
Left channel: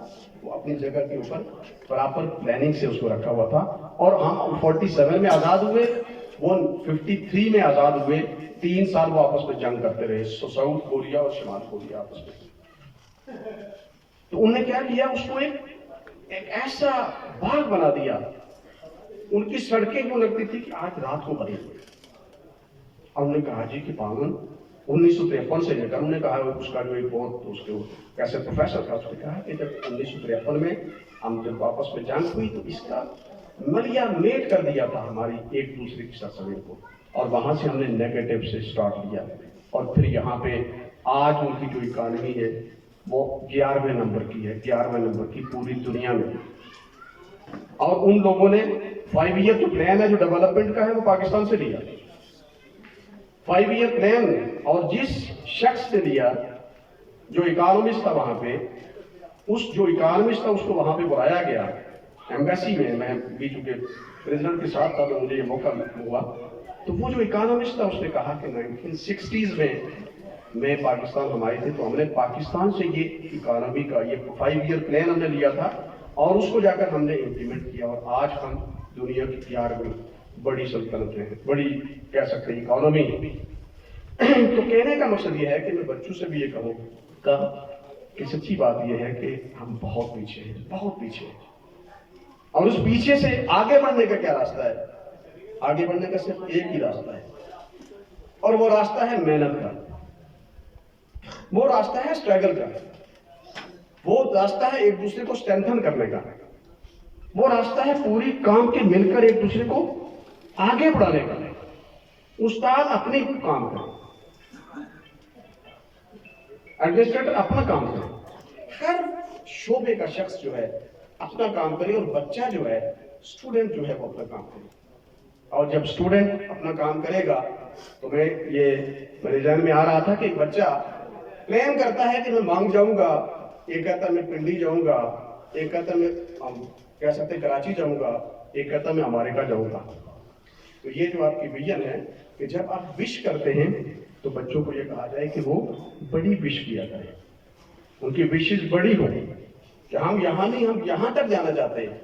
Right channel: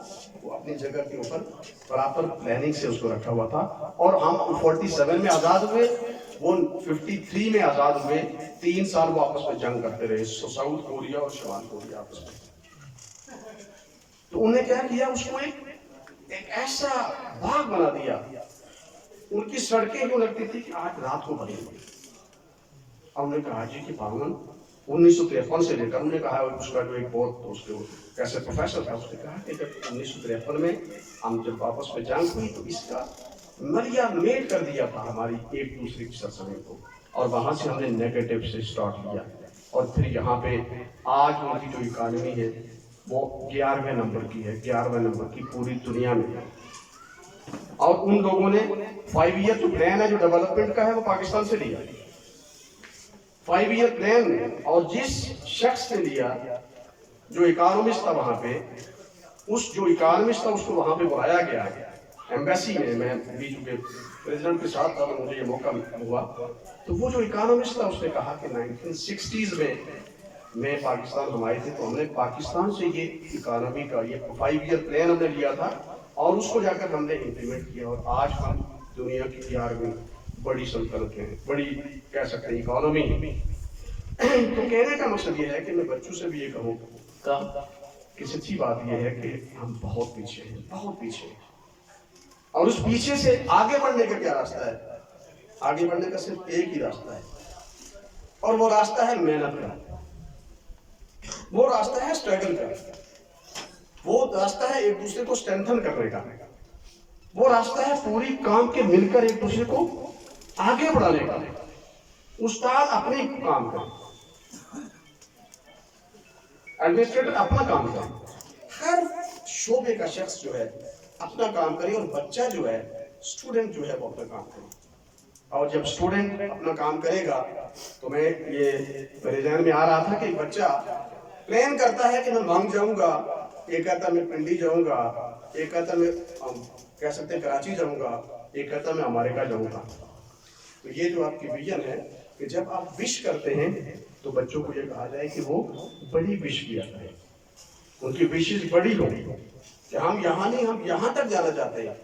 वो अपनी जगह के ऊपर प्रॉपर प्लानिंग से उसको रखा हुआ था। और हम 47 में आजाद हुए, वो 53 में आजाद हुए, 3 साल वो आपस में जंग करते रहे, साउथ कोरिया और शिमाल कोरिया आपस में। तो उन्होंने क्या किया, उसको एक ऐसा बाग बना दिया। उनकी सड़कें यूं लगती थी कि आज रात को बनी हुई। और उन्होंने कहा जी कि पावन 1953 से लेकर, उन्होंने कहा उसका जो एक बहुत उसके कैसे प्रोफेसर था, उसने कहा कि जब 1953 में हम जब वापस में जंग हुई तो इसका मलिया मेट कर दिया था हमारी एक दूसरे की सरसमें को, और वहां से हमने नेगेटिव से स्टार्ट लिया और फिर यहाँ पे आज उनकी जो इकानमी है वो 11वें नंबर की है, 11वें नंबर की पूरी दुनिया में। और उन लोगों ने 5 ईयर जो प्लान है जो डेवलपमेंट का है वो पाकिस्तान से लिया, 5 ईयर प्लान। और जिस शख्स ने लिया जो इकोनॉमिस्ट था वहां पे, उस जो इकोनॉमिस्ट था उसको वहां पे बुलाया गया एम्बेसी में। मैं भी चूंकि प्रेसिडेंट के साथ था तो मुझे ये मौका हुआ, तो वो जो इकोनॉमिस्ट था उसने कहा कि 1960s में पाकिस्तान हम आए थे तो हमने पाकिस्तान से ये इकोनॉमी का ये 5 ईयर प्लान हमने लिया था और उसको जाकर हमने इम्प्लीमेंट किया, और आज हम दुनिया की 11वीं बड़ी सल्तनत में, बड़ी कह सकते हैं इकोनॉमी। तो कहने का मकसद ये है कि मैं बच्चों से भी ये कहूँगा कि सच्ची बात यह है कि हम बहुत पीछे हैं, बहुत पीछे हैं। और उस पीछे से आगे बढ़ने का क्या रास्ता है? आगे बढ़ने का सिर्फ एक ही रास्ता है, और वो रास्ता है मेहनत का, वो रास्ता है स्ट्रगल का, वो रास्ता है एक दूसरे को स्ट्रेंथन करने का, वो रास्ता है पूरी काम के मिलकर एक दूसरे को आगे बढ़ाने का। उस्ताद अपनी काम करे, एडमिनिस्ट्रेटर अपना काम करे, हर शोबे का शख्स जो है अपना काम करे, और बच्चा जो है, स्टूडेंट जो है वो अपना काम करे। और जब स्टूडेंट अपना काम करेगा तो मेरे जहन में आ रहा था कि एक बच्चा प्लान करता है कि मैं मांग जाऊंगा, एक कहता मैं पिंडी जाऊंगा, एक कहता मैं कह सकते कराची जाऊंगा, एक कहता मैं अमेरिका जाऊंगा। तो ये जो आपकी विजन है कि जब आप विश करते हैं तो बच्चों को ये कहा जाए कि वो बड़ी विश किया करें, उनकी विशेष बड़ी हो कि हम यहाँ नहीं, हम यहाँ तक जाना चाहते हैं।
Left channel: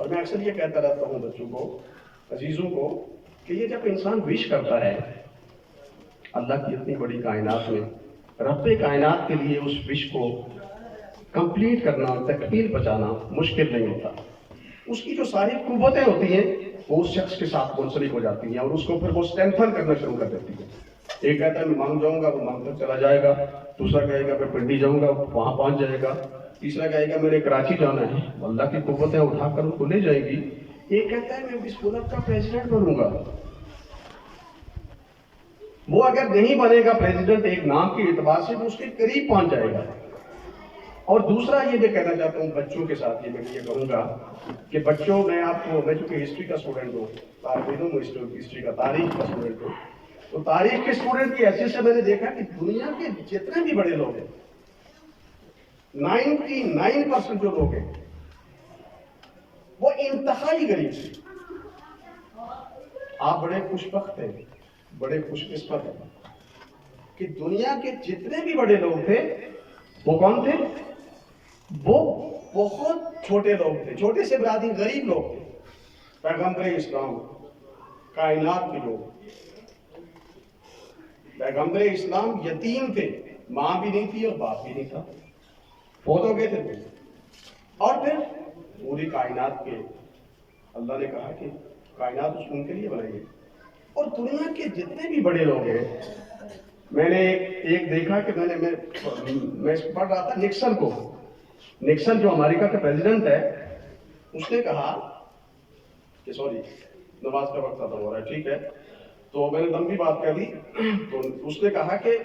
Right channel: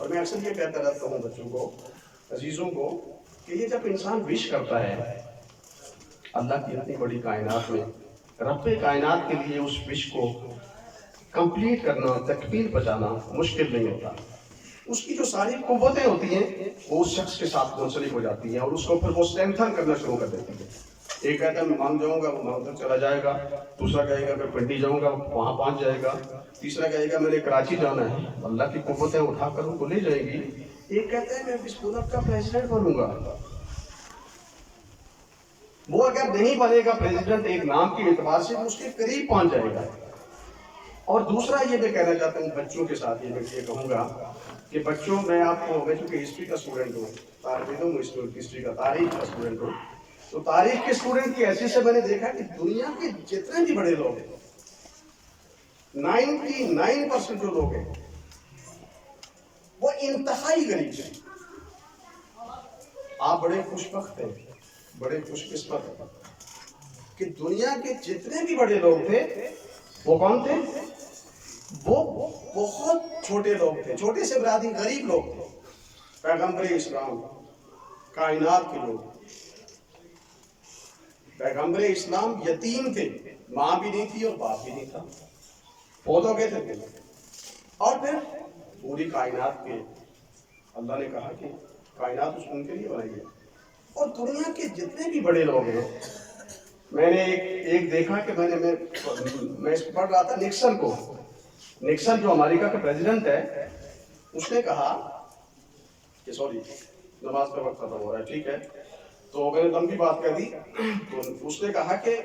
और मैं अक्सर ये कहता रहता हूँ बच्चों को, अजीजों को, कि ये जब इंसान विश करता है अल्लाह की इतनी बड़ी कायनात में, रब्बे कायनात के लिए उस विश को कंप्लीट करना, तकमील पहुंचाना मुश्किल नहीं होता। उसकी जो सारी कुव्वतें होती हैं वो उस शख्स के साथ मुंसलिक हो जाती हैं और उसको फिर वो स्ट्रेंथन करना शुरू कर देती है। एक कहता है मैं मांग जाऊंगा, वो मांग कर चला जाएगा। दूसरा कहेगा मैं पिंडी जाऊंगा, वहां पहुंच जाएगा। तीसरा कहेगा मेरे कराची जाना है, अल्लाह की कुव्वतें उठाकर उनको ले जाएगी। एक कहता है मैं इस मुल्क का प्रेसिडेंट बनूंगा। वो अगर नहीं बनेगा प्रेसिडेंट एक नाम के एतबार से, वो उसके करीब पहुंच जाएगा। और दूसरा ये मैं कहना चाहता हूँ बच्चों के साथ, ये मैं ये कहूँगा कि बच्चों, मैं चूंकि हिस्ट्री का स्टूडेंट हूँ, हिस्ट्री का, तारीख का स्टूडेंट हूँ, तो तारीख के स्टूडेंट की हैसियत से मैंने देखा कि दुनिया के जितने भी बड़े लोग हैं, 99% जो लोग हैं वो इंतहाई गरीब थे। आप बड़े खुशबख्त हैं, बड़े खुशकिस्मत हैं कि दुनिया के जितने भी बड़े लोग थे वो कौन थे? वो बहुत छोटे लोग थे, छोटे से बिरादरी गरीब लोग थे। पैगंबर इस्लाम, कायनात के लोग, पैगंबर इस्लाम यतीम थे, माँ भी नहीं थी और बाप भी नहीं था, पौधों के थे। और फिर पूरी कायनात के अल्लाह ने कहा कि कायनात उनके लिए बनाई है। और दुनिया के जितने भी बड़े लोग हैं, मैंने एक देखा कि मैं पढ़ रहा था निक्सन को। निक्सन जो अमेरिका का प्रेसिडेंट है, उसने कहा कि सॉरी नमाज का वक्त खत्म हो रहा है, ठीक है, तो मैंने लंबी बात कर दी। तो उसने कहा कि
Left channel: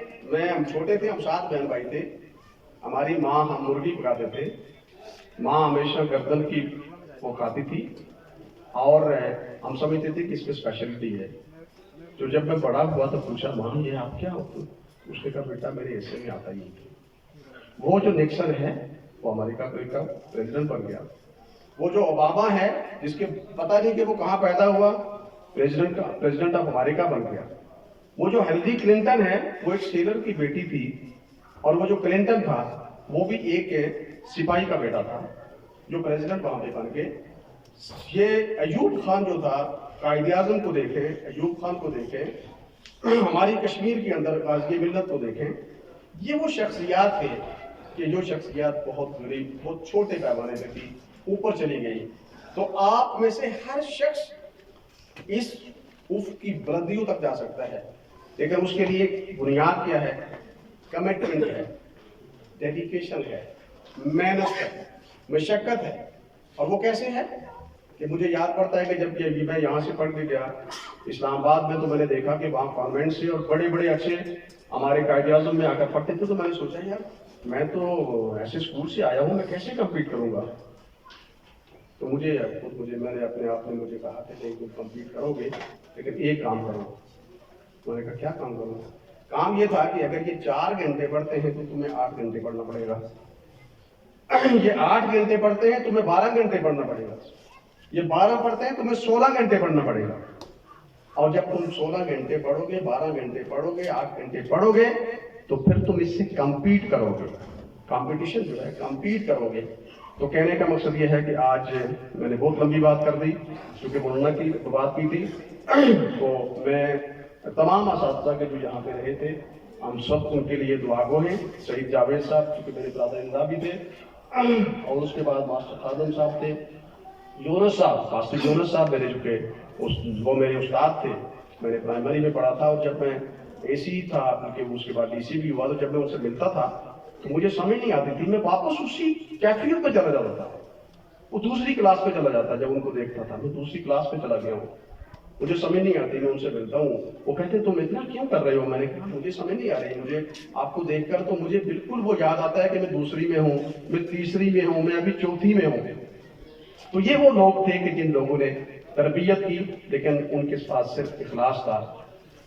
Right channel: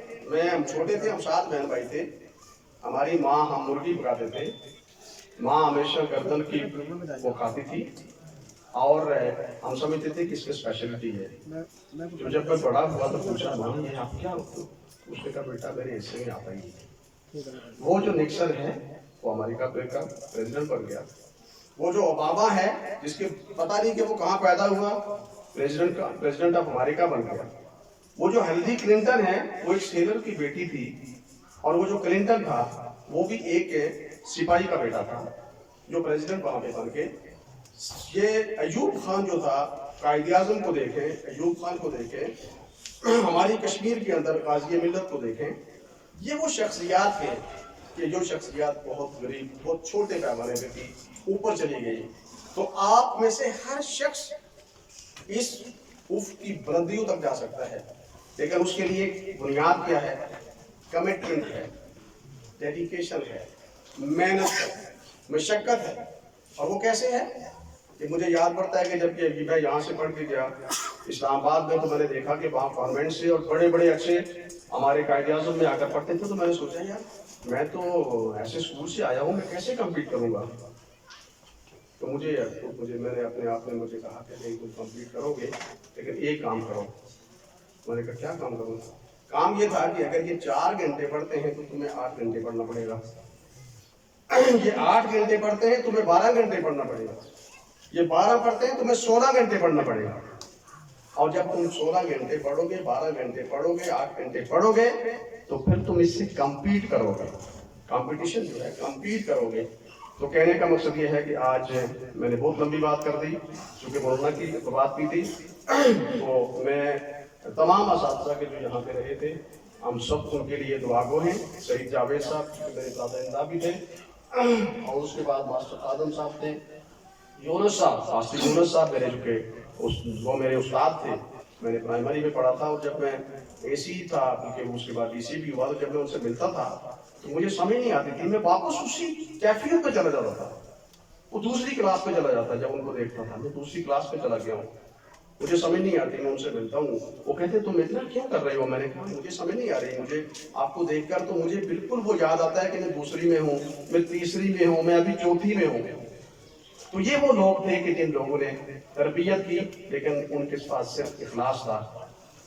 हम छोटे थे, हम 7 बहन भाई थे, हमारी माँ, हम मुर्गी पकाते थे, माँ हमेशा गर्दन की वो खाती थी और हम समझते थे कि इसमें स्पेशलिटी है। तो जब मैं बड़ा हुआ तो पूछा माँ ये आप क्या, उसने कहा बेटा मेरे हिस्से में आता ही नहीं। वो जो निक्सन है वो अमेरिका का प्रेसिडेंट बन गया। वो जो ओबामा है, जिसके पता नहीं कि वो कहाँ पैदा हुआ, प्रेसिडेंट ऑफ अमेरिका बन गया। वो जो हिलरी क्लिंटन है, वो एक सेलर की बेटी थी। और वो जो क्लिंटन था वो भी एक सिपाही का बेटा था जो प्रेसिडेंट वहां पे बन के। ये अयूब खान जो था, कायदे आज़म को देखें, अयूब खान को देखें, हमारी कश्मीर के अंदर गाज़ी मिल्लत को देखें, ये वो शख्सियात हैं कि जो शख्सियात बहुत गरीब, बहुत छोटे पैमाने पे थी, ऊपर चली गई। तो आप में से हर शख्स इस उफ की बुलंदियों तक जा सकता है, लेकिन उसके लिए बुनियाद क्या है? कमिटमेंट है, डेडिकेशन है, मेहनत है, मशक्क़त है। और वो कैसे है कि मुझे याद पड़ता है कि जब मैं यहाँ से पढ़ के गया इस्लामाबाद में, तो मैंने देखा कि वहाँ कॉन्वेंट से और बड़े बड़े अच्छे हमारे कायदे आज़म में आकर पढ़ते थे। तो मैंने सोचा यार मैं तो ऐसे स्कूल से आया हूँ, मैं कैसे कम्पीट करूँगा? तो मैंने अपने आप में मुझे कहा था कि तुम कम्पीट करोगे, लेकिन एक काम करो। मैंने कहा क्या काम करूँ? काम ये था कि अगर ये 4 घंटे पढ़ते हैं तो तुम्हें 8 घंटे पढ़ना पड़ेगा। ये 8 घंटे पढ़ते हैं, तुम्हें 12 घंटे पढ़ना पड़ेगा। ये 12 पढ़ते हैं, तुम्हें 16 घंटे पढ़ना पड़ेगा। और जब तुम 16 घंटे पढ़ोगे, 12 घंटे पढ़ोगे, 8 घंटे पढ़ोगे, तो फिर तुम इससे कम्पीट करोगे। कंपटीशन जो है, कम्पीट करोगे। तो कहने का मकसद ये है कि आज मैंने बहुत लंबी बात कर दी, क्योंकि मौलाना की बात की थी। तो मैं तमाम असातिज़ा के जो यहाँ पे रहे थे, हम सब उनके लिए दुआगो हैं। शहीद जावेद साहब क्योंकि मेरे दादा भी थे, और उसके बाद मास्टर आदम साहब थे, यूनुस साहब, मास्टर यूनुस साहब मेरे वो मेरे उस्ताद थे। मैंने प्राइमरी में पढ़ा था, और जब मैं एसी था क्योंकि उसके बाद डीसी भी हुआ, तो जब मैं उनसे मिलता था तो मुझे समझ नहीं आती थी, मैं वापस उसी कैफियत में चला जाता था। वो दूसरी क्लास पे चला जाता, जब उनको देखता था मैं दूसरी क्लास पे चला गया हूँ, मुझे समझ नहीं आती। मैं उनसे मिलता हूँ, वो कहते तुम इतना क्यों कर रहे हो? मैंने कहा मुझे समझ नहीं आ रही, मुझे आपको देखकर तो मुझे बिल्कुल वो याद आता है कि मैं दूसरी में हूँ, मैं तीसरी में हूँ, मैं अभी चौथी में हूँ। तो ये वो लोग थे कि जिन लोगों ने तरबियत की, लेकिन उनके पास सिर्फ इखलास था।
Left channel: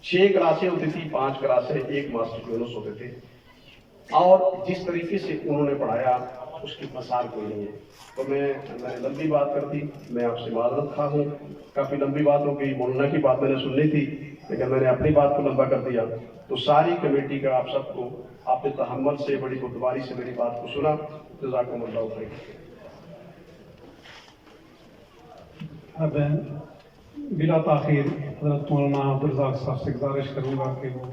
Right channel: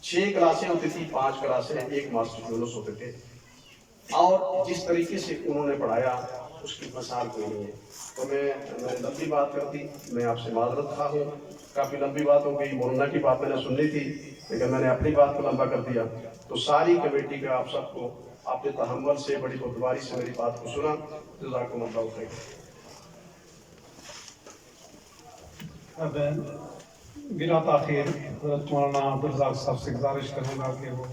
6 क्लासें होती थी, 5 क्लासें, 1 मास्टर यूनुस होते थे, और जिस तरीके से उन्होंने पढ़ाया उसकी मसाल कोई नहीं है। तो मैंने लंबी बात कर दी, मैं आपसे माजरत खा हूँ, काफ़ी लंबी बात हो गई। मौलाना की बात मैंने सुननी थी, लेकिन मैंने अपनी बात को लंबा कर दिया। तो सारी कमेटी का आप सबको, आपने तहम्मुल से, बड़ी बुर्दबारी से मेरी बात को सुना, जज़ाकुमुल्लाह खैर। अब बिला ताखिर हज़रत मौलाना अब्दुल रज़ाक साहब से गुजारिश करूँगा कि वो